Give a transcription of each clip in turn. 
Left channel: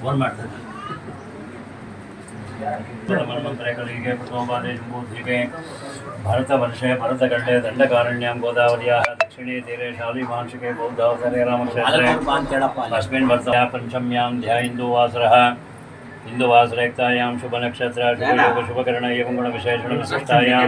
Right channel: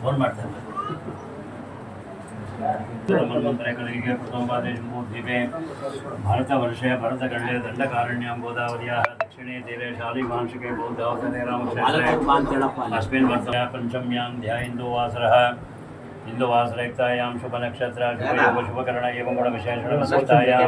Phone ಮಾಡ್ತಾರೆ ಮನ್ವಂತರಗಳಿಗೆ ಕುಟುಂಬಾದೇಶಮೂರ್ತಿವೆ ಭರತवर्षे भरतखण्डे दण्डकारण्यां गोदावर्याः दक्षिणे तीरे शालिवांशिके बौद्धावसरे रामक्षेत्रे अस्मिन् वर्षे पञ्चम्यां ध्यायिन्दुवासरः हिन्दुवासरेक्तायां शुभनक्षत्र शुभयोग शुभकर्ण एवं गुणविशेषणसक्तायां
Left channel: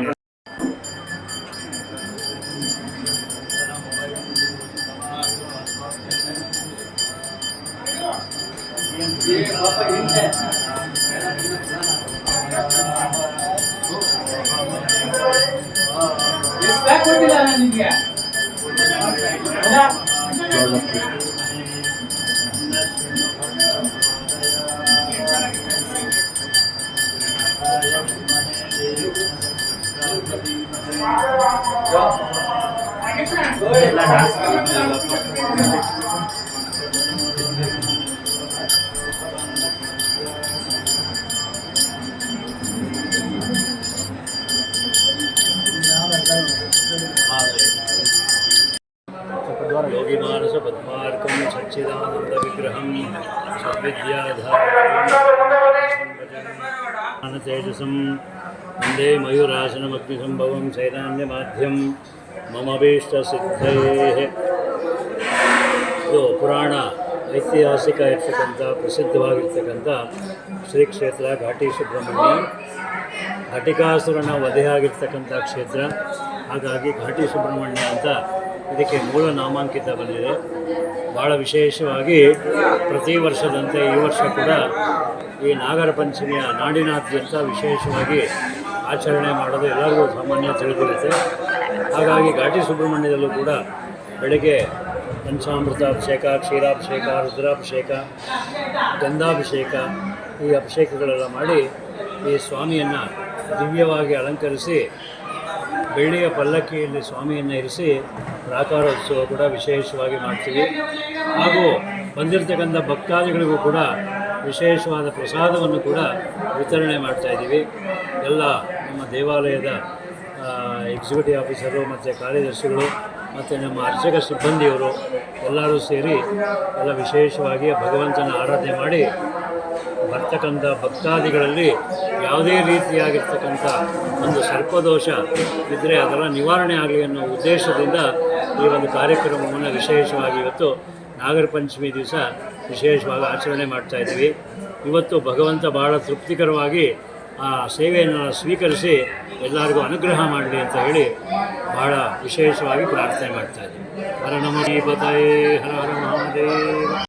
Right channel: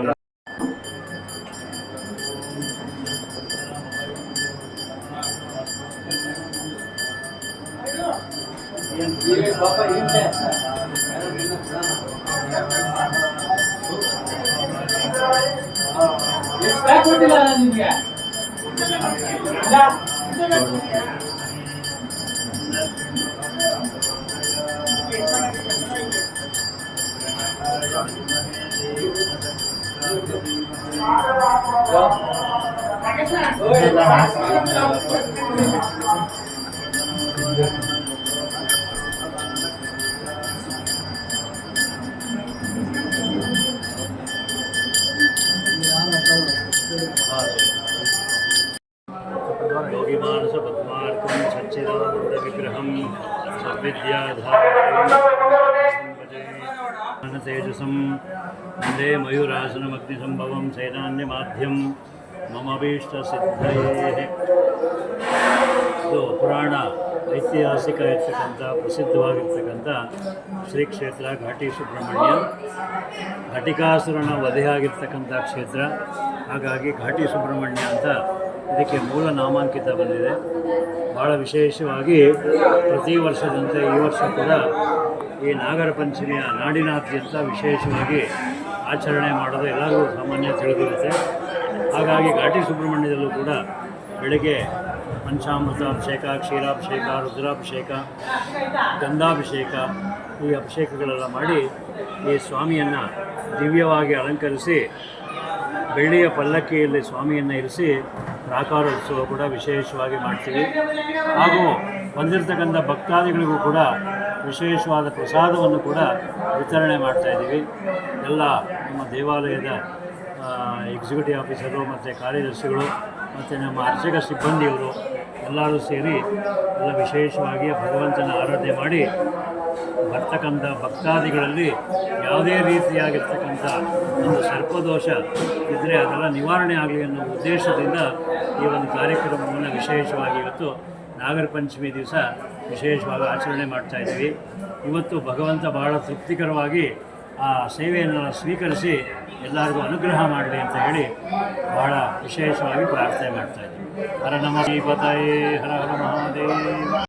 योगिमानस पद्मार्कं सच्चिदानंद विग्रहं सद्विद्याधारं तेजसं वन्दे मयूरासनमग्निसंभवं सेनान्यमाध्यं मम भीष्टसिद्धये। ಇದು ಪುರಾಣ ಐತಿಹಾಸಿಕ ಇರ್ತಕ್ಕಂಥ ಪ್ರಸಿದ್ಧವಾಗಿರ್ತಕ್ಕಂಥ ಶ್ರೀ ಕ್ಷೇತ್ರ ಘಾಟಿ ಸುಬ್ರಹ್ಮಣ್ಯ. ಘಟಿಕಾಸುರನ ವಧೆಯಾಗಿರ್ತಕ್ಕಂಥ ಕ್ಷೇತ್ರ, ಹಾಗಾಗಿ ಘಾಟಿ ಸುಬ್ರಹ್ಮಣ್ಯ ಅಂತ ಇದಕ್ಕೆ ಮೂಲ ನಾಮಾಂಕಿತ ಬಂದಿದೆ. ಭಾಳ ವಿಶೇಷವಾಗಿ ಪ್ರತಿ ವರ್ಷದಂತೆ ಈ ವರ್ಷ ಕೂಡ ಈ ನಾಗರ ಪಂಚಮಿಯ ನಾಡಿನಾದ್ಯಂತ ವಿಶೇಷವಾಗಿ ಆಚರಣೆ ಮಾಡೋದು ಎಲ್ಲರಿಗೂ ಸಾಮಾನ್ಯ ತಿಳಿದಿರುತ್ತೆ. ಹಾಗಾಗಿ ಘಾಟಿ ಸುಬ್ರಹ್ಮಣ್ಯದಲ್ಲೂ ಕೂಡ ಬೆಳಗ್ಗೆ ಪಂಚಾಮೃತ ಅಭಿಷೇಕ, ಕ್ಷೀರಾಭಿಷೇಕ, ರುದ್ರಾಭಿಷೇಕ, ಗಂಧಾಭಿಷೇಕ ಈ ಅಭಿಷೇಕಗಳೆಲ್ಲ ಮಾಡಿ ಈ ಸ್ವಾಮಿಯನ್ನು ದಿವ್ಯವಾಗಿ ಅಲಂಕರಿಸಿ ಬೆಳ್ಳಿಯ ಪಲ್ಲಕ್ಕಿಯಲ್ಲಿ ಸ್ವಾಮಿಯನ್ನು ಇರಿಸಿ ಪ್ರಾಕಾರೋತ್ಸವ ಕೂಡ ವಿಶೇಷವಾಗಿ ಮಾಡ್ತೀವಿ. ಹಾಗೂ ಬಂದಿರತಕ್ಕಂಥ ಭಕ್ತಾದಿಗಳಿಗೂ ಕೂಡ ವಿಶೇಷವಾದ ಪ್ರಸಾದವನ್ನು ಕೂಡ ವಿತರಣೆ ಮಾಡ್ತಾಯಿದ್ದೀವಿ. ಎಲ್ಲ ನಮ್ಮ ದೇವಾಲಯದ ಎಕ್ಸಿಕ್ಯೂಟಿವ್ ಆಫೀಸರು ಮತ್ತು ಕಾರ್ಯದರ್ಶಿಗಳು ಮತ್ತು ನಮ್ಮ ಅರ್ಚಕ ಸಿಬ್ಬಂದಿಯವರು ಎಲ್ಲರೂ ಸೇರಿ ಎಲ್ಲ ವಿಶೇಷವಾಗಿ ಭಗವಂತನ ಆರಾಧನೆ ಮಾಡಿ ಬರ್ತಕ್ಕಂಥ ಭಕ್ತಾದಿಗಳಲ್ಲಿ ಯಾವುದೇ ರೀತಿಯಾಗಿರ್ತಕ್ಕಂಥ ಒಂದು ಸರ್ಪದೋಷ ಇದ್ದರೆ ಅದೆಲ್ಲ ನಿವಾರಣೆ ಆಗಲಿ ಅನ್ನೋ ಉದ್ದೇಶದಿಂದ ಈ ಒಂದು ಕಾರ್ಯಕ್ರಮವನ್ನು ವಿಶೇಷವಾಗಿ ಇವತ್ತು ನಾಗರ ಪಂಚಮಿ ದಿವಸ ವಿಶೇಷವಾಗಿ ಆಚರಣೆ ಮಾಡ್ತಾಯಿದ್ದೀವಿ. ಇವತ್ತು ಭಗವಂತ ಭಾಳ ತೃಪ್ತಿಕರವಾಗಿ ಆ ಸೇವೆಯನ್ನು ಸ್ವೀಕರಿಸಿ ಎಲ್ಲರಿಗೂ ಅನುಗ್ರಹ ಮಾಡಲಿ ಅಂತ ಹೇಳಿ ಭಾಳ ವಿಶೇಷವಾಗಿ ಪ್ರಾರ್ಥನೆ ಮಾಡ್ತಾಯಿದ್ದೀವಿ. ಹರ ನಮಃ ಪತಯೇ, ಹರ ಹರ ಮಹಾದೇವ.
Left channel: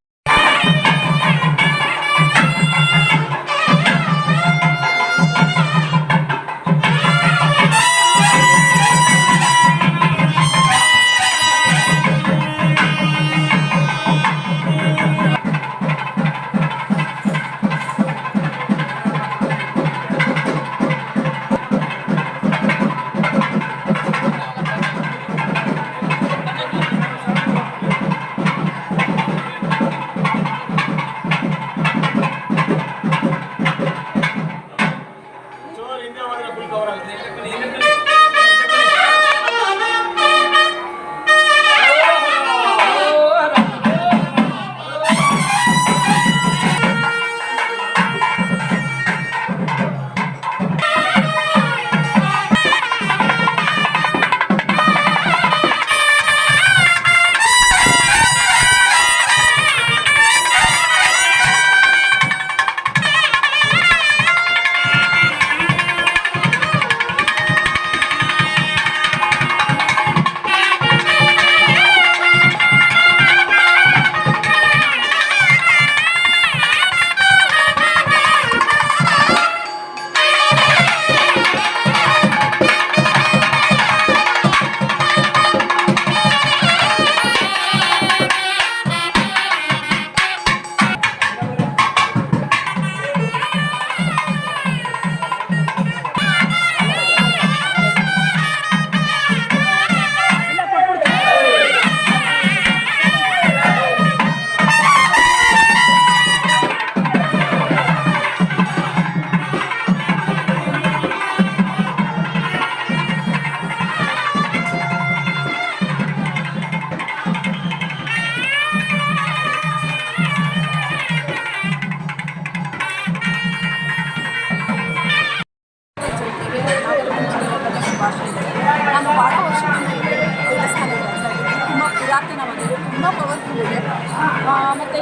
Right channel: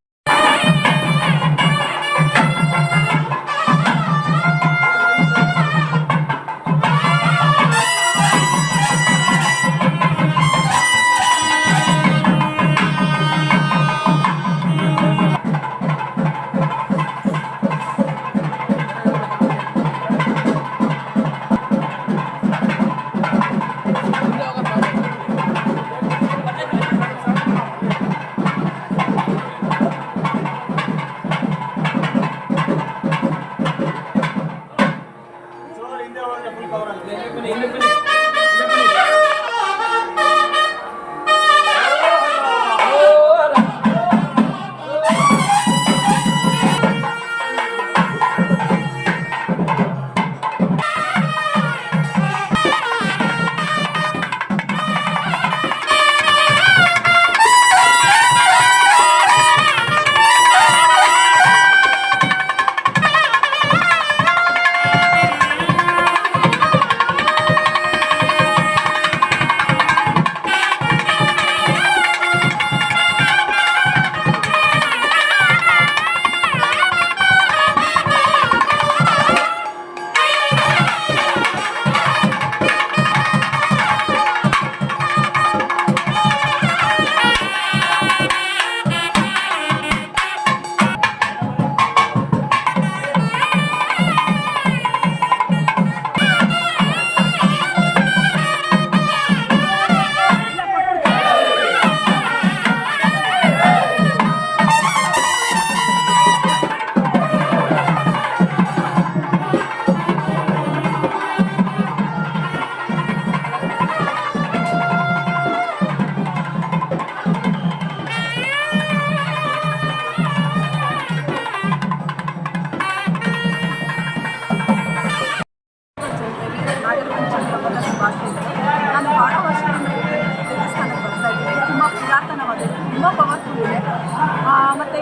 ಮತ್ತು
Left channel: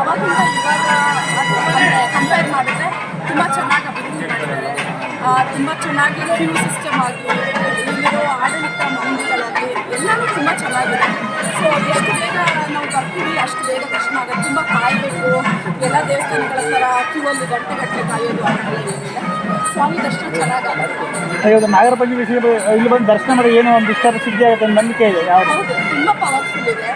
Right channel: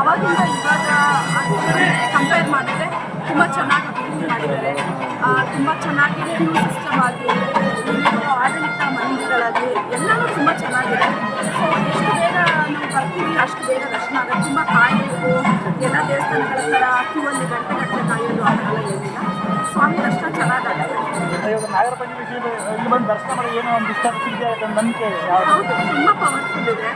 ಅವಾಗಿಂದ ಇವಾಗ ಅಂದರೆ ಕಂಪೇರ್ ಮಾಡಿದ್ರೆ ತುಂಬ ಚೆನ್ನಾಗಿ ಅಭಿವೃದ್ಧಿ ಮಾಡಿದ್ದಾರೆ. ತುಂಬ ಚೆನ್ನಾಗಿ ಕ್ಯೂ ಸಿಸ್ಟಮ್ ಆಗಲಿ, ಇಲ್ಲಿರೋ ಆಡಳಿತ ಮಂದಿಗಳಾಗಲಿ ಎಲ್ಲನೂ ತುಂಬ ಚೆನ್ನಾಗಿದೆ. ಸೊ ಎಷ್ಟು ಬೇಗ ನಾವು ಬರ್ತೀವಿ ಅಷ್ಟು ಬೇಗ ದರ್ಶನ ಆಗೋದು. ತುಂಬ ಕಾಯಬೇಕು, ಎಲ್ಲ ದೇವಸ್ಥಾನಗಳ ಥರ ಕ್ಯೂ ಅಲ್ಲಿ ಗಂಟೆ ಕಾಯೋದು ಆ ಥರ ಎಲ್ಲ ಏನಿಲ್ಲ. ಸ್ವಾಮಿ ದರ್ಶನ ಚೆನ್ನಾಗಾಗುತ್ತೆ. ನಾಗರ ಪಂಚಮಿ ಇಲ್ಲಿ ಬಂದು ದರ್ಶನ ಮಾಡಿ ಏನೋ ಒಂದು ಇಷ್ಟ ಸಿದ್ಧಿ ಆಗುತ್ತೆ ಅಂತ ನಂಬಿಕೆ ಇದೆ. ಹೌದು, ತುಂಬ ಪವರ್ಫುಲ್ ಇದೆ.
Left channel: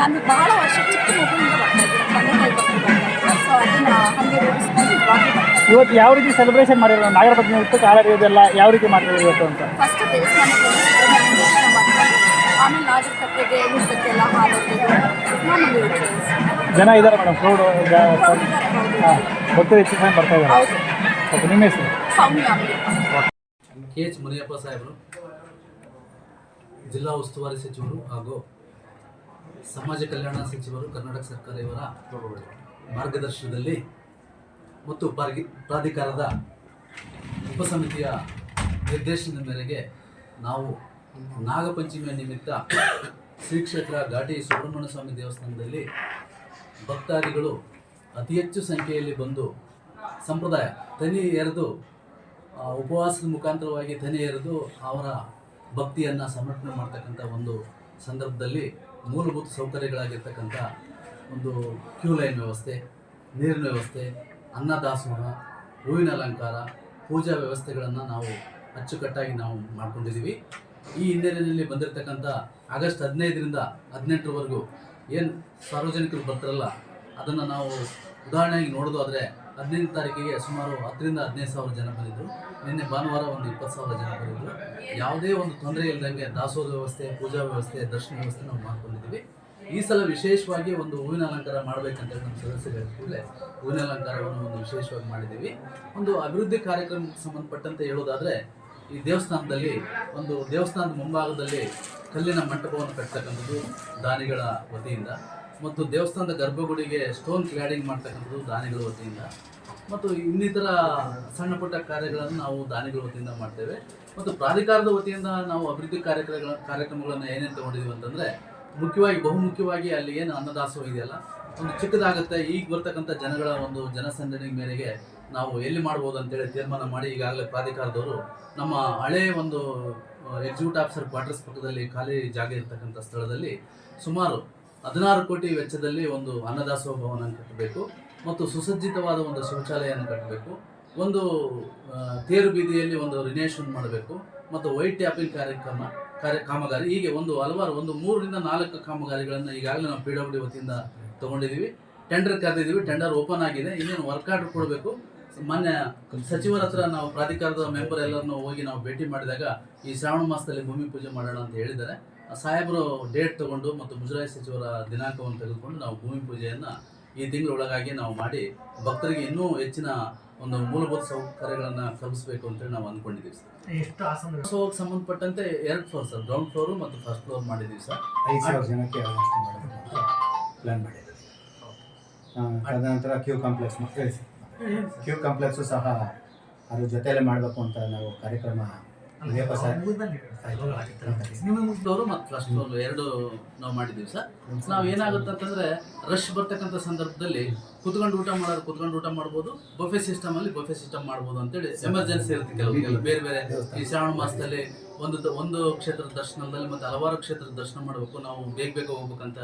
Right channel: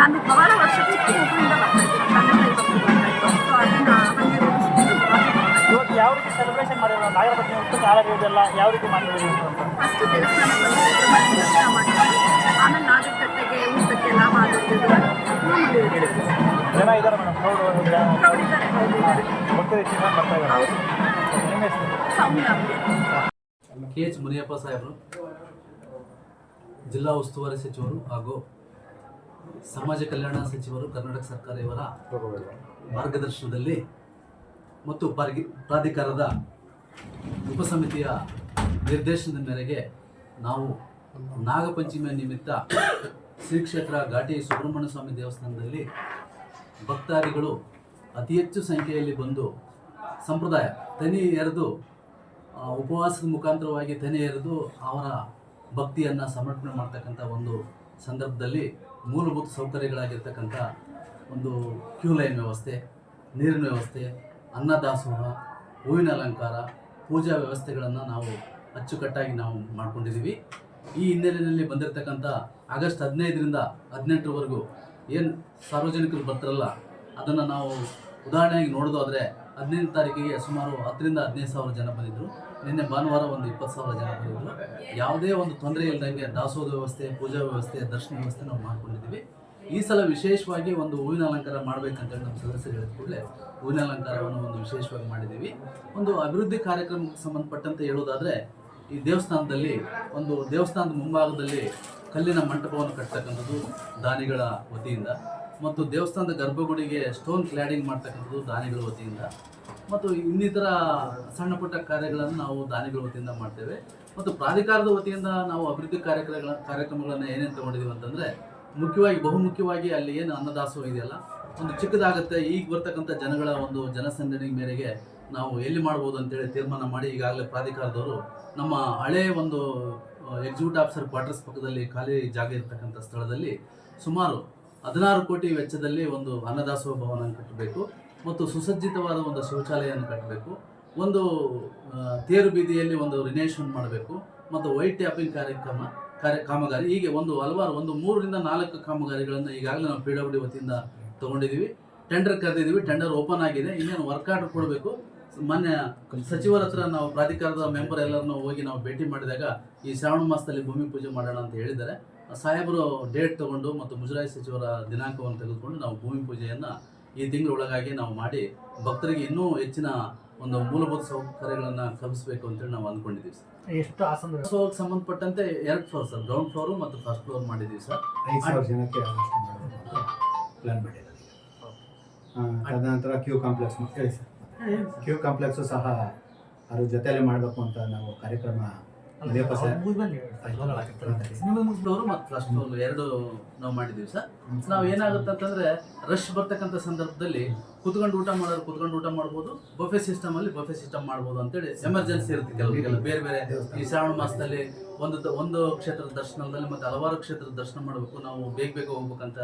ನಾನು ಬಹಳ ವರ್ಷ ಚಿಕ್ಕ ಮಗುವಿಂದ ಬರ್ತಾ ಇದ್ದೀನಿ, ತಂದೆ ತಾಯಿ ಬಗ್ಗೆ ಬರ್ತಾ ಇತ್ತು. ಸೊ ಅದನ್ನು ಹಾಗೆ ರೂಢಿಸ್ಕೊಂಡು ಇವಾಗಲೂ ಬರ್ತಾ ಇದ್ದೀನಿ. ಇವತ್ತು ಯಾವ ರೀತಿ ಸೆಲೆಬ್ರೇಷನ್ ಮಾಡಿದ್ರು ನಾಗರ ಪಂಚಮಿ ಉತ್ಸವ ಆಡೋದೆಲ್ಲ ಯಾವ ರೀತಿ ಮಾಡಿದ್ರು ಇವತ್ತು ಅಂತ? ಫಸ್ಟ್ ದೇವಸ್ಥಾನಕ್ಕೆ ಬಂದು ಸುಬ್ರಹ್ಮಣ್ಯ ದರ್ಶನ ಮಾಡ್ಕೊಂಡು ಆಮೇಲೆ ನಾಗರಕಟ್ಟೆಗೆ ಊಟಕ್ಕೆಲ್ಲ ಹಾಡೋದು ಮಾಮೂಲಿ ಇದೆ. ಜನ ಇದ್ದಾರೆ ಮೇಡಮ್, ಪ್ರೌಡ್ ಇದ್ದಾರೆ. ಹೌದು ಗೊತ್ತಿದೆ, ಚಿಕ್ಕ ಬರ್ತಾ ಇದ್ದಾರೆ. ಹೌದು. ನಿಮ್ಮ ಹೆಸರು? ಸೌಮ್ಯ. KH ಮುನಿಯಪ್ಪ ಸಾಹೇಬರು, ಜಿಲ್ಲಾ ಉಸ್ತುವಾರಿ ಸಚಿವರು ಹಾಗೂ ಸಮಾಜ ಕಲ್ಯಾಣ ಸಚಿವರು ಕರ್ನಾಟಕ ಸರ್ಕಾರ ಇವರ ಮಾರ್ಗದರ್ಶನದಲ್ಲಿ ಮತ್ತು ಪ್ರಾಧಿಕಾರದ ಉಪಸಮಿತಿಯ ನಿರ್ದೇಶನದ ಮೇರೆಗೆ ನಾವು ನಾಗಪಂಚಮಿಯ ನಿಮಿತ್ತ ಶ್ರೀ ಕ್ಷೇತ್ರ ಘಾಟಿ ಸುಬ್ರಹ್ಮಣ್ಯ ಸ್ವಾಮಿ ದೇವಸ್ಥಾನದಲ್ಲಿ ಭಕ್ತಾದಿಗಳು ಅತಿ ಹೆಚ್ಚು ಸಂಖ್ಯೆಯಲ್ಲಿ ಬಂದು ಸಂಪ್ರದಾಯ ತನಿ ಎರೆದು ಉಪವಾಸದ ಮುಖಾಂತರವಾಗಿ ತನಿ ಎರೆದು ಅವರ ಭಕ್ತಿಯನ್ನು ಸಮರ್ಪಣೆ ಮಾಡ್ತಕ್ಕಂಥ ಒಂದು ಸಂದರ್ಭದಲ್ಲಿ ಮೂಲಭೂತ ಸೌಕರ್ಯಗಳಾಗಿರ್ತಕ್ಕಂಥ ಒಂದು ಕ್ಯೂ ಲೈನ್ ವ್ಯವಸ್ಥೆ, ನೀರಿನ ವ್ಯವಸ್ಥೆ, ಅನ್ನದಾಸೋಹ, ಹೂವಿನ ಅಲಂಕಾರ, ಪೂಜಾ ವ್ಯವಸ್ಥೆಗಳನ್ನು ನಾವು ಅಚ್ಚುಕಟ್ಟಾಗಿ ನಾವು ಮಾಡ್ಕೊಂಡಿದ್ದೀವಿ. ಈ ಹಿನ್ನೆಲೆಯಲ್ಲಿ ಬಂದಿರತಕ್ಕಂಥ ಆಗಸ್ಟ್ 15ರಿಂದ 18ರವರೆಗೂ ಏನು ಸಾರ್ವಜನಿಕರು ಬರ್ತಾರಲ್ಲ ಅದನ್ನು ನಾವು ಉದಾಹರಣೆಯಾಗಿ ನೋಡೋದಾದರೆ 15ನೇ ತಾರೀಕಿಗೆ ಸುಮಾರು 10ರಿಂದ 15 ಸಾವಿರ ಜನ ಬಂದಿದ್ದರು. ನಿನ್ನೆ ಭಾನುವಾರ ಒಂದು 20 ಸಾವಿರ ಜನ ಬಂದಿದ್ದರು. ಯಾವುದೇ ಒಂದು ತೊಂದರೆ ಇಲ್ಲದಂಗೆ ದಾಸೋಹ ವ್ಯವಸ್ಥೆ, ಪೂಜಾ ವ್ಯವಸ್ಥೆ, ದರ್ಶನ ವ್ಯವಸ್ಥೆ ನಾವು ಮಾಡ್ಕೊಂಡಿದ್ದೀವಿ. ಈ ಸಲ ವಿಶೇಷವಾಗಿ ಒಂದು ಹೂವಿನ ಅಲಂಕಾರ ಮಾಡಬೇಕಂತೇಳಿ ನಮ್ಮ ಸದಸ್ಯರು ಹೇಳಿದ ಕೂಡಲೇ ಹೂವಿನ ಅಲಂಕಾರವನ್ನು ಒಂದು ವಿಶೇಷವಾಗಿ ಮಾಡಿದ್ದೀವಿ. ಒಂದು ಅಭಿವೃದ್ಧಿ ಕಾರ್ಯಕ್ರಮಕ್ಕೆ ಸಂಬಂಧಪಟ್ಟಂತೆ ಹೇಳೋದಾದರೆ ಈ ದೇವಸ್ಥಾನದಲ್ಲಿ ಒಂದು ದೇವಸ್ಥಾನದ ಮುಂಭಾಗದಲ್ಲಿ ಕಲ್ಲಿನ ಮಂಟಪವನ್ನು ಕಟ್ತಕ್ಕಂಥದ್ದು ದಾನಿಗಳ ವತಿಯಿಂದ, ಮತ್ತು ದೇವಸ್ಥಾನದ ಗರ್ಭಗುಡಿಗೆ ಸ್ಟೋನ್ ಕ್ಲಾಡಿಂಗ್ ಮಾಡ್ತಕ್ಕಂಥದ್ದು ದಾನಿಗಳ ವತಿಯಿಂದ, ಮತ್ತು ಇನ್ನಿತರ ಸಣ್ಣ ಪುಟ್ಟ ಕಾರ್ಯಗಳನ್ನು ನಾವು ದಾನಿಗಳ ವತಿಯಿಂದ ಮಾಡ್ತೇವೆ. ಮತ್ತು ಪ್ರಾಧಿಕಾರದ ವತಿಯಿಂದ ನಾವು ಅಭಿವೃದ್ಧಿ ಕಾರ್ಯಕ್ರಮಗಳನ್ನು ಏನೇನು ತೊಗೊಂಡಿದ್ದೀವಿ ಅಂತಂದರೆ ಬಹುಮುಖ್ಯವಾಗಿ ಅಲ್ಲಿ ಏನು ಅನ್ನದಾಸೋಹ ಇದೆಯಲ್ಲ ಒಂದು ಚಿಕ್ಕದಾಗುತ್ತೆ. ಈಗ ಬರ್ತಕ್ಕಂಥ ಜನಗಳ ಒಂದು ಜನಸಂದಣಿ ಮೇರೆಗೆ ನಾವು ಎಲ್ಲಿ ಮಾಡ್ಬೋದು ಅಂತೇಳಿ ತೀರ್ಮಾನ ಮಾಡಿ ಈಗಾಗಲೇ ಪ್ರಾಧಿಕಾರದವರು ನಮ್ಮ ಹಳೆಯ ಒಂದು ಎಕ್ಸಿಕ್ಯೂಟಿವ್ ಆಫೀಸರ್ ಕ್ವಾರ್ಟರ್ಸ್ ಪಕ್ಕದಲ್ಲಿ ಖಾಲಿ ಜಾಗ ಇರತಕ್ಕಂಥ ಸ್ಥಳದಲ್ಲಿ ಸುಮಾರು 16 ಕೋಟಿ ವೆಚ್ಚದಲ್ಲಿ ಒಂದು ಅನ್ನದಾಸೋಹ ಭವನ ಕಟ್ಟಬೇಕು, ಮತ್ತು ಸುಸಜ್ಜಿತವಾದ ಒಂದು ಶೌಚಾಲಯವನ್ನು ಕಟ್ಟಬೇಕು, ಒಂದು ತೇರು ಬೀದಿಯಲ್ಲಿ ಒಂದು ರಿನೇಷನ್ ಮಾಡಬೇಕು, ಮತ್ತು ವೈಟ್ ಟ್ಯಾಪಿಂಗ್ ಕಾಮಗಾರಿ, ಹೀಗೆ ಹಲವಾರು 3ರಿಂದ 4 ಕಾಮಗಾರಿಗಳನ್ನು ಈಗಾಗಲೇ ನಾವು PWD ವತಿಯಿಂದ ತೊಗೊಂಡಿದ್ದೀವಿ. ಟೆಂಡರ್ ಕರೆದಿದ್ದೀವಿ, ಟೆಂಡರ್ ಓಪನ್ ಆಗಿದೆ. ಇನ್ನೇನು ವರ್ಕ್ ಆರ್ಡರ್ ಕೊಡಬೇಕು. ಮೊನ್ನೆ ಸಚಿವರ ಹತ್ರ ನಾವು ಪ್ರಾಧಿಕಾರದ ಮೆಂಬರ್ ಎಲ್ಲರನ್ನು ಹೋಗಿ ನಾವು ಭೇಟಿ ಮಾಡಿದಾಗ ಈ ಶ್ರಾವಣ ಮಾಸದಲ್ಲಿ ಭೂಮಿ ಪೂಜೆ ಮಾಡೋಣ ಅಂತ ಹೇಳಿದ್ದಾರೆ. ಸಾಹೇಬರು ಡೇಟ್ ತಗೊಂಡು ಮತ್ತು ಮುಜರಾಯಿ ಸಚಿವರ ದಿನಾಂಕವನ್ನು ತೆಗೆದುಕೊಂಡು ನಾವು ಭೂಮಿ ಪೂಜೆಯನ್ನು ಈ ತಿಂಗಳೊಳಗಾಗಿ ನಾವು ಮಾಡಿ ಭಕ್ತರಿಗೆ ಇನ್ನೂ ಹೆಚ್ಚಿನ ಒಂದು ಮೂಲಭೂತ ಸೌಕರ್ಯಗಳನ್ನು ಕಲ್ಪಿಸಬೇಕು ಅಂತೇಳಿ ನಾವು ಅಂದ್ಕೊಂಡಿದ್ದೀವಿ ಸರ್. ಎಷ್ಟು ಆಸನ ಸಂಬಂಧಪಟ್ಟಂತೆ 2 ಫ್ಲೋರ್ ಸರ್, ಗ್ರೌಂಡ್ ಫ್ಲೋರು ಮತ್ತು ಫಸ್ಟ್ ಫ್ಲೋರ್ ಮಾಡಿದ್ದೀವಿ ಸರ್. 5,000 ಜನಕ್ಕೆ ಅಷ್ಟು ಮಾಡಬೇಕು ಅಂತ ಪ್ಲ್ಯಾನ್ ಮಾಡಿದ್ದೀವಿ. ತದನಂತರ ಕ್ಯೂ ಕಾಂಪ್ಲೆಕ್ಸು ಸಹ ಅದ್ರ ಜೊತೆಯಲ್ಲೇ ಮಾಡಬೇಕು ಅಂತ ನಾವು ಕಾರ್ಯಕ್ರಮ ಫ್ಲೋರು ಮತ್ತು ಫಸ್ಟ್ ಫ್ಲೋರ್ 2 ನಾವು ಮಾಡಿದ್ದೀವಿ ಸರ್. ನಾವು ಏನಾಗುತ್ತೆ ಅಂತಂದರೆ ರಶ್ ಬರ್ತಕ್ಕಂಥ ಸಂದರ್ಭದಲ್ಲಿ ಕುತ್ಕೊಂಡು ಊಟ ಮಾಡ್ಬೋದು, ಬಫೆ ಸಿಸ್ಟಮಲ್ಲಿ ಬಫೆ ಸಿಸ್ಟಮ್ ಮಾಡ್ಬೋದು ಅಂತೇಳಿ ಎಮರ್ಜೆನ್ಸಿ ಇರುತ್ತೆ. ಕೆಲವು ಬೇರೆ ಈ ಶ್ರಾವಣ ಮಾಸದಲ್ಲಿ ಒಂದು ಕ್ಷೇತ್ರದ ದರ್ಶನದಲ್ಲಿ ಮತ್ತು ಹಲವಾರು ಕ್ಷೇತ್ರದ ದರ್ಶನ ಮಾಡಬೇಕು, ನಾವು ಬೇಗ ಹೋಗ್ಬೇಕಂತ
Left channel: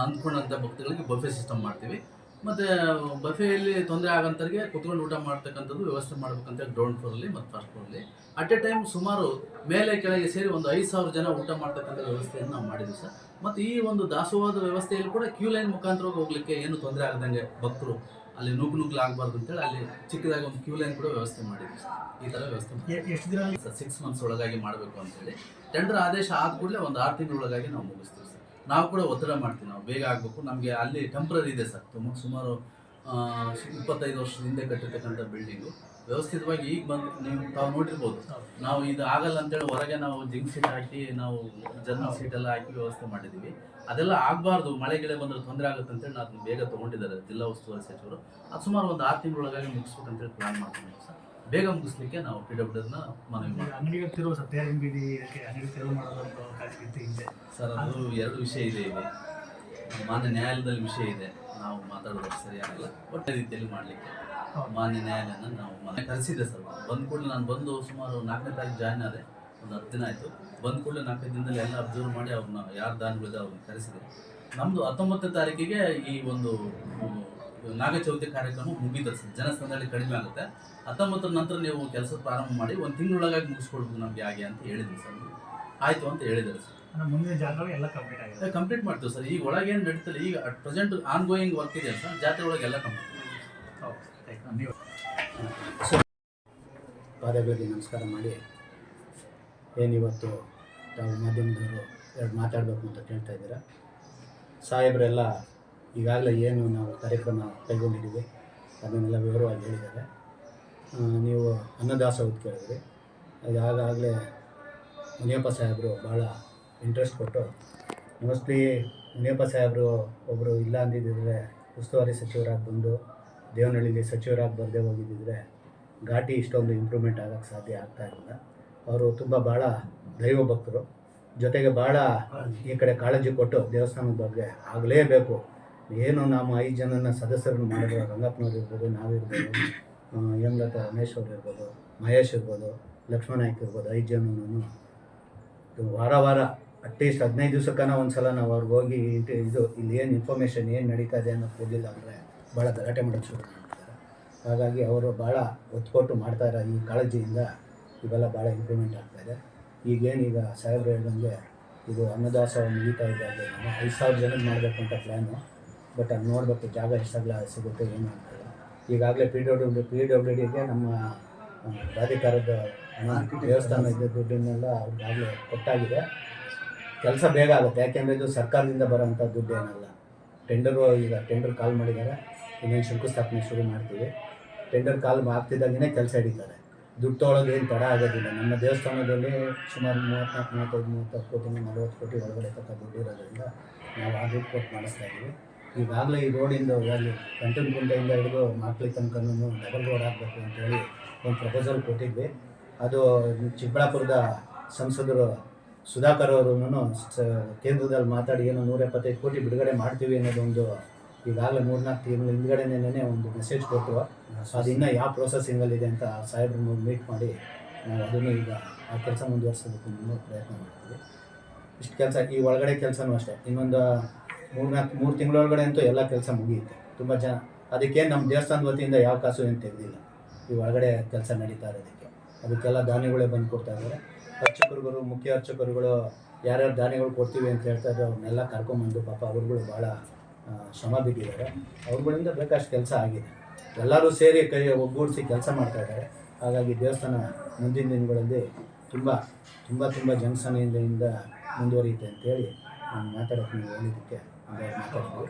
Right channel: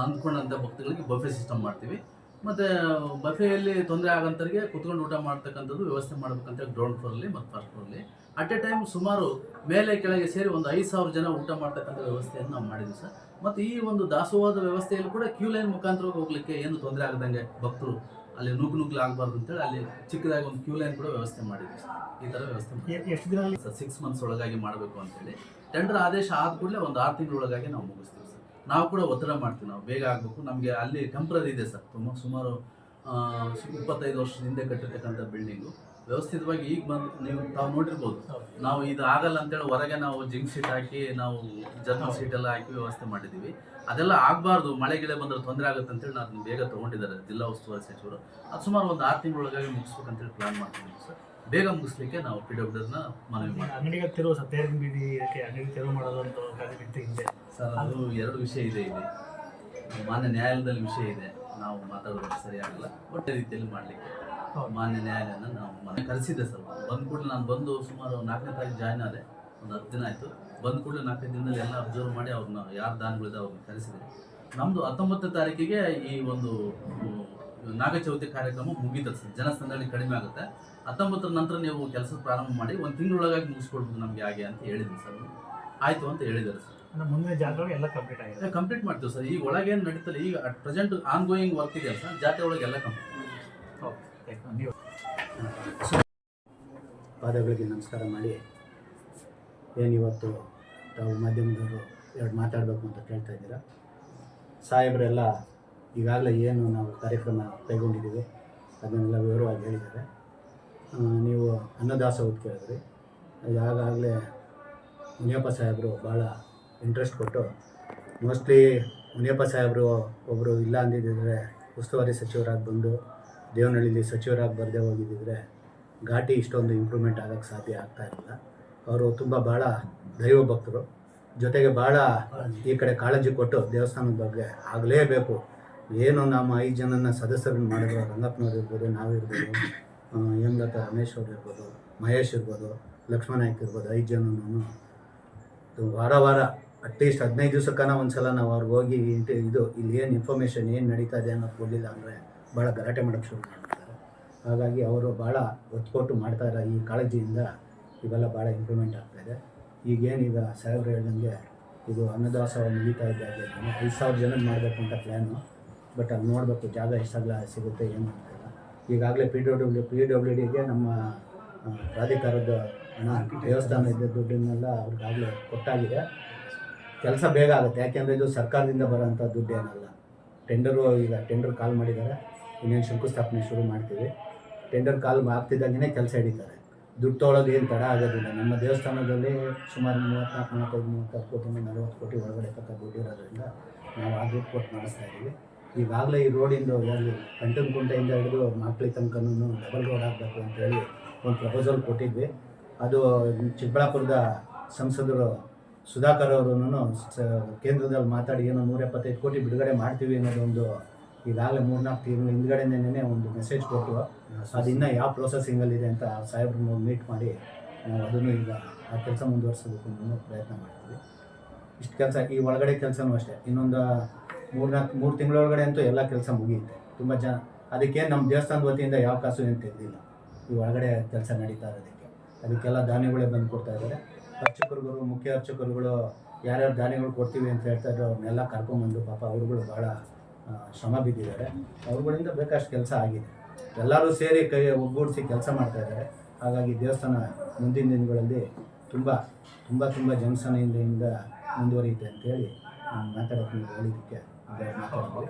ಅಂದ್ಕೊಂಡಂಥ ಭಕ್ತಗಳಿಗೆ ಬಫೆ ಸಿಸ್ಟಮ್ ಮಾಡ್ತೀವಿ. ಮತ್ತು ಬಫೆಯಲ್ಲಿ ತೊಂದರೆ ಆಗೋಂಥವ್ರಿಗೆ ಕುತ್ಕೊಂಡು ಊಟ ಮಾಡ್ತಕ್ಕಂಥದ್ದು ವ್ಯವಸ್ಥೆ ಮಾಡ್ಬೇಕಂತ ಗ್ರೌಂಡ್ ಫ್ಲೋರಲ್ಲಿ ಮತ್ತು ಫಸ್ಟ್ ಫ್ಲೋರಲ್ಲಿ ಅಟ್ ಎ ಟೈಮ್ ಸುಮಾರು ಮೇಲೆ ಕೆಳಗೆ ಸೇರಿ ಒಂದು 5,000 ಜನ ಊಟ ಮಾಡ್ತಕ್ಕಂಥ ವ್ಯವಸ್ಥೆಯನ್ನು ನಾವು ಮಾಡಿದ್ವಿ ಸರ್. ಮತ್ತು ಈ ಒಂದು ದಾಸೋಹದ ವ್ಯವಸ್ಥೆಯಲ್ಲಿ ಕೂಡ ಕ್ಯೂ ಲೈನ್ ಮುಖಾಂತರವಾಗಿ ಹೋಗ್ಲಿಕ್ಕೆ ಏನು ತೊಂದರೆ ಆಗದಂಗೆ ಭಕ್ತರು ಅಲ್ಲಿ ನುಗ್ಗಲು ಆಗಬಾರ್ದು ಅಂತೇಳಿ ಅಲ್ಲಿ ಚಿಕ್ಕದಾಗಿ ಒಂದು ಕ್ಯೂ ಲೈನ್ ಕೂಡ ವ್ಯವಸ್ಥೆ ಮಾಡಿದ್ವಿ ಸರ್. ಈ ಥರ ವ್ಯವಸ್ಥೆ ಎಷ್ಟು ದಿನ ಸರ್ 6 ಮಂತ್ಸ್ ಒಳಗಾಗಿ ಮಾಡಬೇಕು ಅಂತೇಳಿ ಟೆಂಡರ್ ಆದೇಶ ಆದ ಕೂಡಲೇ ಒಂದು 6 ತಿಂಗಳೊಳಗಾಗಿ ನಾವು ಮುಗಿಸ್ತೀವಿ ಸರ್. ನಾವು ಕೂಡ ಒತ್ತಡ ಮಾಡ್ತೀವಿ, ನಾವು ಬೇಗ ಆಗಬೇಕು. ನಮಗೆ ಅಲ್ಲಿ ಟೆಂಪ್ರರಿ ಇದೆ ಸರ್, ಸುಮಾರು 25 ವರ್ಷದ ಹಿಂದೆ ಕಟ್ಟಿರ್ತಕ್ಕಂಥ ಬಿಲ್ಡಿಂಗು ವ್ಯವಸ್ಥಿತವಾಗಿ ಈಗ ತಾವು ನೋಡಿರ್ಬೋದು. ನಾವು ಇದು ಆಗಲ್ಲ ಅಂತೇಳಿ ಹೊರಗೆ ನಾವು ಜಿಂಕ್ ಸೀಟ್ ಹಾಕಿ ನಾವು ಜರ್ನಲ್ ಸೀಟೆಲ್ಲ ಹಾಕಿ ವ್ಯವಸ್ಥೆ ಮಾಡಿದ್ದೀವಿ. ಅದೆಲ್ಲ ಆಗಬಾರ್ದು, ಮಳೆ ಬಂದರೆ ತೊಂದರೆ ಆಗುತ್ತೆ ಅಂತೇಳಿ ಅದನ್ನು ಬೇಗ ತೊಗೊಂಡಿದ್ದಾರೆ ಜಿಲ್ಲಾ ಉಸ್ತುವಾರಿ ಸಚಿವರು. ಅದು ಸುಮಾರು ಒಂದು 6 ತಿಂಗಳೊಳಗಾಗಿ ಮುಗಿಸ್ಬೇಕಂತೇಳಿ ಪ್ಲಾನ್ ಮಾಡ್ಕೊಂಡಿದ್ದೀವಿ ಸರ್. ಬೇಗ ಮುಗಿಸ್ಲಿಕ್ಕೆ ನಾವು PWDನ ಮನವಿ ಮಾಡ್ತೀವಿ. ಅಂಗಡಿಗೆ ತಿರುವು ಸರ್, ತೇರಿನ ಬೀದಿ ಅಂಗಡಿ ತೆರವು ಮಾಡೋದು ಅಂತ ಹಿಂದೆ ಸರ್ ಅದು 2 ವಿಷಯ ಇದೆ ಇಲ್ಲಿ. ಮಾನ್ಯ ನ್ಯಾಯಾಲಯದಲ್ಲಿ ವಿಷಯ ಇದೆ, ನಾವು ಮಾತಾಡೋದಷ್ಟು ಸರಿಯಾಗಲ್ಲ, ಒಟ್ಟೆ ರೀತಿಯಲ್ಲಿ ಮಾಡಲಿಕ್ಕೆ ಮಾನ್ಯ ನ್ಯಾಯಾಲಯನ ನಾವು ಮನೆ ಕರೆಸಿದ್ದೆ ಸರ್. ಬಂದ ಕೂಡಲೇ ನಾನು ಬಂದು ಸುಮಾರು 4ನೇ ತಾರೀಕು ಜಾಯ್ನ್ ಆದೆ, ಒಂದು 10 ದಿನ ಆಯಿತು. ಬಂದ ಕೂಡಲೇ 4 ದಿನದಲ್ಲಿ ಎಲ್ಲ ಅಬ್ಸರ್ವ್ ಮಾಡಿ ಅವ್ರನ್ನ ಯಾರು ದಾನಿಗಳಿದೆ ಅವ್ರನ್ನ ಕರೆಸಿದೆ. ನಮ್ಮದು 19ನೇ ತಾರೀಕಿಗೆ ಈ ಒಂದು ನಾಗಚೌತಿ ಕಾರ್ಯಕ್ರಮ ಮುಗೀತದೆ ಸರ್. ಜನಸಂದಣಿ ಕಡಿಮೆ ಆಗುತ್ತೆ. 19ರ ನಂತರ ನೀವು ಕೆಲಸ ಪ್ರಾರಂಭ ಮಾಡಿ 1 ತಿಂಗಳೊಳಗಾಗಿ ಮುಗಿಸ್ಕೊಡ್ಬೋದು ನಮಗೆ ಹಾಗೆ ಅಂತ ಹೇಳಿದ್ವಿ ಸರ್. ಆಯಿತು ಅಂತ ಹೇಳಿದ್ದಾರೆ ಸರ್. ಮುಂದಿನ ಜಾತ್ರೆ ಎಲ್ಲ ಕಂಪ್ಲೀಟ್ ಆಗಿದೆ. ಕಂಪ್ಲೀಟ್ ಮಾಡ್ತೀವಿ ಸರ್. ಈಗ ಒಳಗೇನು ನಡೀತಲ್ಲ, ಈಗ at present on going work ಇದೆಯಲ್ಲ ಸರ್, ಜಾತ್ರೆ ಒಳಗೆ ಎಲ್ಲ ಕಂಪ್ಲೀಟ್ ಮಾಡ್ತೀವಿ. ಪಾದಗಳಿಗೆ ನಮಸ್ಕಾರ ಮಾಡಿ, ಏನಿವತ್ತು ತಾವು ಮಾಧ್ಯಮದವರು 2 ಮಾತಾಡಬೇಕು ಅಂತ ಕೇಳ್ತಾ ಇದ್ದೀರಾ. ಸಾಹೇಬರೆಲ್ಲ ಈಗಾಗಲೇ ಏನು ನಾವು ಕಾರ್ಯಕ್ರಮ ಕೈಗೊಂಡಿದ್ದೀವಿ ಅದನ್ನೆಲ್ಲ ವಿವರವಾಗಿ ಹೇಳಿದ್ದಾರೆ. ನೀವು ಅನ್ನದಾಸೋಹ ಕೇಳಿದ್ರಿ. ಇದಾಗಲೇ ಮುನಿಯಪ್ಪ ಸಾಹೇಬರು ಭಾಳ ಇಂಟ್ರೆಸ್ಟ್ ಕೊಟ್ಟು, ಮೋಸ್ಟ್ಲಿ ಮುನಿಯಪ್ಪ ಸಾಹೇಬರು ಒಬ್ಬರು ಇಲ್ಲ ಅಂದಿದ್ದರೆ ಉಸ್ತುವಾರಿ ಸಚಿವರಾಗಿ ಬಂದು ದೇವನಹಳ್ಳಿಲಿ ಸಚಿವರಾಗಿ ಬರದೇ ಹೋಗಿದ್ದಿದ್ರೆ ಘಾಟಿ ಇಷ್ಟೊಂದು ಇಂಪ್ರೂವ್ಮೆಂಟ್ ಆಗೋಕ್ಕೆ ಸಾಧ್ಯ ಆಗ್ತಾ ಇರಲಿಲ್ಲ. ಅವರು ತುಂಬ ಭಾಳ ದೈವ ಭಕ್ತರು, ಜೊತೆಗೆ ಭಾಳ ಈ ಕಡೆ ಕಾಳಜಿ ಕೊಟ್ಟು ದೇವಸ್ಥಾನದ ಬಗ್ಗೆ ಆಗಲೇಬೇಕು. ಏನು ನಮ್ಮ 5 ಜನನ ಸದಸ್ಯರನ್ನು ಮಾಡಿದ್ರು, ರಂಗಪ್ಪನವ್ರು ಇರ್ಬೋದು, ನಾವಿರ್ಬೋದು, ಹೇಮಲತಾ ರಮೇಶ್ ಅವ್ರು ಇರ್ಬೋದು, ಮಹೇಶ್ ಇರ್ಬೋದು, ಲಕ್ಷ್ಮಣ ನಾಯ್ಕ ಇರ್ಬೋದು, 5 ಜನನೂ ವಾರ ಅಟ್ಲೀಸ್ಟ್ 15 ದಿವಸಕ್ಕನ ಒಂದು ಸಲ ನಾವು ಅವ್ರಿಗೆ ಹೋಗಿ ಇದು ಇಲ್ಲಿ ಏನು ಇನ್ಫಾರ್ಮೇಷನ್ ಏನು ನಡೀತಾ ಇದೆ ಅನ್ನೋದು ಕೊಡಲಿಲ್ಲ ಅಂದರೆ ಭಾಳ ಗಲಾಟೆ ಮಾಡೋಕ್ಕೆ ಶುರು ಮಾಡ್ತಾರೆ. ಹಾಗಾಗಿ ಅವರು ಭಾಳ ಒತ್ತು ಕೊಟ್ಟು ಮಾಡ್ತಾಯಿರೋ ಈ ಕಾಳಜಿಯಿಂದ ಇವೆಲ್ಲ ಭಾಳ ಇಂಪ್ರೂವ್ಮೆಂಟ್ ಆಗ್ತಾಯಿದೆ. ಈಗೇನೀಗ ಸಾಹೇಬ್ರು ಹೇಳ್ದಂಗೆ ಇದು ಅನ್ನದಾಸೋಹ ಮುಗಿತಾ ಇದ್ದಾಗೆ 5,000 ಜನಕ್ಕೆ ಮಾಡಬೇಕು ಅಂತ ಪ್ಲ್ಯಾನು. ಬಟ್ ಅದು ನೋಡಬೇಕು ಜಾಗ ಎಷ್ಟಾಗಲ ಸಿಗುತ್ತೆ ಏನು ಅಂತಲ್ಲ. ಈಗಾಗಲೇ PWDಗೆ ನಮ್ಮ ಪ್ರಾಧಿಕಾರದ ಹಣ ದೇವಸ್ಥಾನ ಇದ್ದ ದುಡ್ಡನ್ನೆಲ್ಲ ಅವ್ರಿಗಾಗಲೇ ಕೊಟ್ಟಾಗಿದೆ. ಕೆಲಸ ಬೇಗ ಆಗುತ್ತೆ, ಯಾಕೆಂದರೆ ಇದು ಸರ್ಕಾರದಿಂದ ಬರೋಂಥ ದುಡ್ಡು ಏನಲ್ಲ. ಈಗ ಟೆಂಡರ್ ಕಾಲ್ ಮಾಡಿದ್ದಾರೆ, ಇನ್ನೇನು ಶಂಕುಸ್ಥಾಪನೆ ಶುರು ಮಾಡ್ತೀವಿ. ಟೆಂಡರ್ ಕಾಲ್ ಆಗ್ತಿದ್ದಾಗೇ ಕೆಲಸ ಹಿಡಿತಾರೆ. ದುಡ್ಡು ತೊಗೊಳೋದು ಏನು ತಡ ಆಗೋದಿಲ್ಲ. ನಮ್ಮ ದೇವಸ್ಥಾನದಲ್ಲಿ ಸುಮಾರು 34, 35, 30 ಕೋಟಿ 40 ಕೋಟಿ ಒಳಗಡೆ ತಕ್ಕ ದುಡ್ಡು ಇರೋದ್ರಿಂದ ನಾವು ಆ ದುಡ್ಡು ಕೊಟ್ಟು ಮಾಡಿಸ್ತಾ ಇದ್ದೀವಿ. ಈಗಾಗಲೇ ಈ ರೋಡಿಂದ ಯಾಗಲಿ ಕಂಟನಕುಂಟೆಯಿಂದ ಹಿಡಿದು ಮಾಕ್ಳಿ ತನಕನೂ ಡಬಲ್ ರೋಡ್ ಆಗಬೇಕು ಅಂತೇಳಿ ಒಂದು ಪ್ರಪೋಸಲ್ ಕೊಟ್ಟಿದ್ವಿ. ಅದು ಚಿಕ್ಕಬಳ್ಳಾಪುರದ ಸಂಸದರು ಸುಧಾಕರ್ ಅವರು ಕೇಂದ್ರದಲ್ಲಿ ಮಾತಾಡಿ ಏನೋ 175 ಕೋಟಿ ಬಿಡುಗಡೆ ಮಾಡ್ತೀವಿ ಅನ್ನೋದೊಂದು ಈಗಾಗಲೇ 3-4 ತಿಂಗಳ ಹಿಂದ್ಗಡೆನೇ ಒಂದು ಮೆಸೇಜ್ ಕೊಟ್ಟು, ಅದು ಇನ್ನೂ ಯಾವ ಪ್ರೊಸೆಸಿಂಗಲ್ಲಿದೆ ಅಂತ ಸಾಹೇಬ್ರನ್ನ ಮೀಟ್ ಮಾಡಿ ನಾವು ಅದನ್ನು ಈಗ ಆ ಕೆಲಸ ಮುಂದುವರ್ಸೋದಕ್ಕೂ ಇನ್ನೂ ಪ್ರಯತ್ನ ಮಾಡ್ತೀವಿ. ಇಷ್ಟು ಕೆಲಸ ಈ ಒಳಗಡೆ ಕೆಲಸನೂ ಅಷ್ಟೇ, ಇನ್ನೊಂದು 3 ತಿಂಗಳೊಳಗಡೆ ಅಂತೂ ಎಲ್ಲ ಕೆಲಸ ಮುಗಿಯುತ್ತೆ. ತುಂಬ ಜನ ಅದಕ್ಕೇನು ನಮ್ಮ ದೇವಸ್ಥಾನದ ವತಿಯಿಂದ ಯಾವ ಕಾಸು ಏನು ತೆಗೆದಿಲ್ಲ. ಈ ಒಳಗಡೆ ಕೆಲಸ ನಡೀತಾ ಇರೋದಕ್ಕೆ ಅದಕ್ಕೆಲ್ಲ ದಾನಿಗಳೇ ಬಂದು ಕೊಡ್ತಾ ಇದ್ದಾರೆ. ಅರ್ಚಕರುಗಳು, ಮುಖ್ಯ ಅರ್ಚಕರುಗಳು ಯಾರ್ಯಾರು ದಾನಿಗಳು ಕೊಡ್ತೀವಿ ಅಂತ ಹೇಳ್ತಾ ಇದ್ರು ಅವ್ರನ್ನೆಲ್ಲ ಕರ್ಕೊಂಬಂದು ಪಾಪ ಅವ್ರುಗಳು ಭಾಳ ಶ್ರಮ ಬಿದ್ದಿದ್ದಾರೆ. ಅವ್ರುಗಳಿಂದ ಬೇಕಷ್ಟು ಕೆಲಸ ಆಗಿದೆ. ಎಲ್ಲರೂ ಸೇರಿ ಕೈ ಒಗ್ಗೂಡಿಸಿ ಕೆಲಸ ಮಾಡ್ತಾಯಿದ್ದಾರೆ. ಹಾಗಾಗಿ ದೇವಸ್ಥಾನ ಮುಂದಿನ ದಿನಗಳಲ್ಲಿ ತುಂಬ ಜನಸಂಖ್ಯೆಯಿಂದ ಮುಂದುವರಿಯುತ್ತೆ ಅಂತೇಳಿ ನಾನು ಮಾತಾಡೋಕ್ಕೆ ನೀವು ಹೇಳಿದ್ದಕ್ಕೆ ಮಾತಾಡ್ತೀವಿ.